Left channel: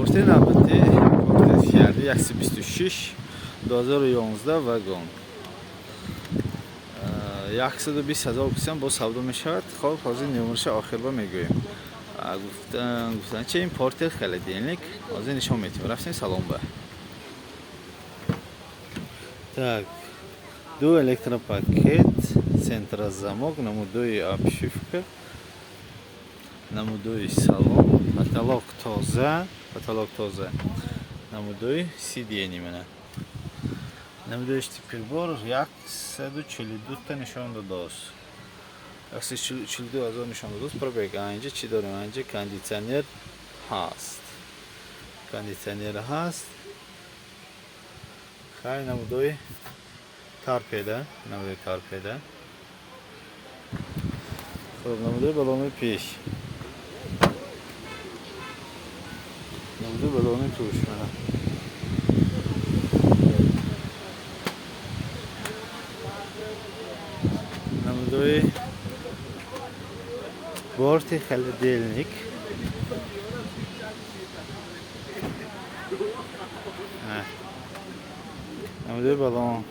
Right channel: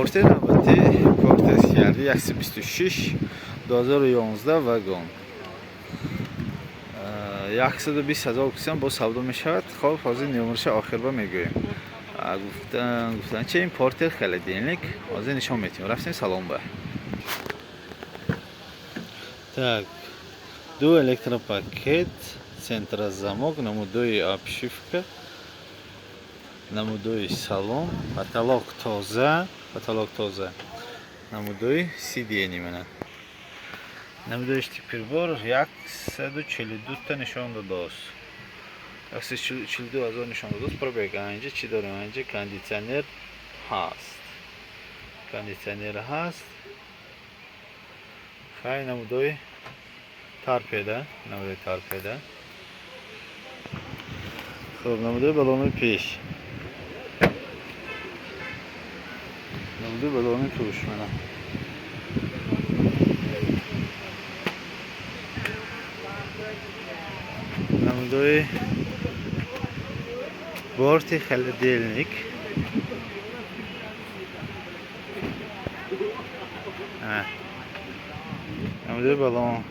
پورتر نوبتی پورتر شهری 126 2011 واگن 120,000 کسان با سودا می شود. خب حاضر نمرش آخر با میگویم. گفتن چه این پورتر خالدینلیک حاضر نشان میتیم. رفتیم سالن با. Так, دو электропакет, центрозамок, намудуй обшивка, намудуй салон, потолок тоза, намудуй сиденье мене. Намудуй прибор, 142 та нишон дадост. 142,000 нишон дадост. Пробег اینجا چی داریم؟ اینجا کاندیشنر هست. کاندیشنر هست. خیلی نمودوی تارپیده. خب نمودوی بالون پیش. نمودوی بالون پیش منه. نمودوی بورت خالدینلیک. نمودوی بالون.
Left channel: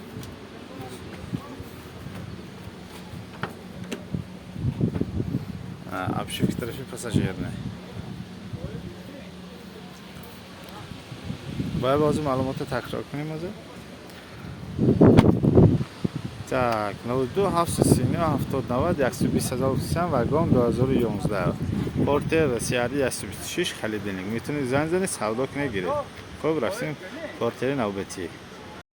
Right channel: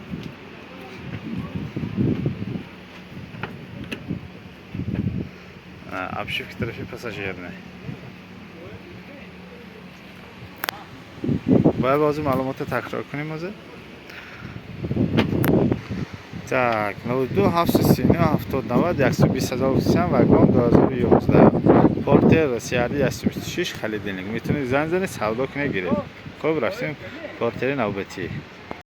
Обшивка тарafı пассажирный. باید بازم معلومات تکرار کنیم از. Так, 92 739 70 90 120,000 کسان واگن 2011 پورتر سیاری 126 خالدینلیک. میتونید زنگ زنید سودا کنید گیرید. خب رفتیم پورتر نوبتی.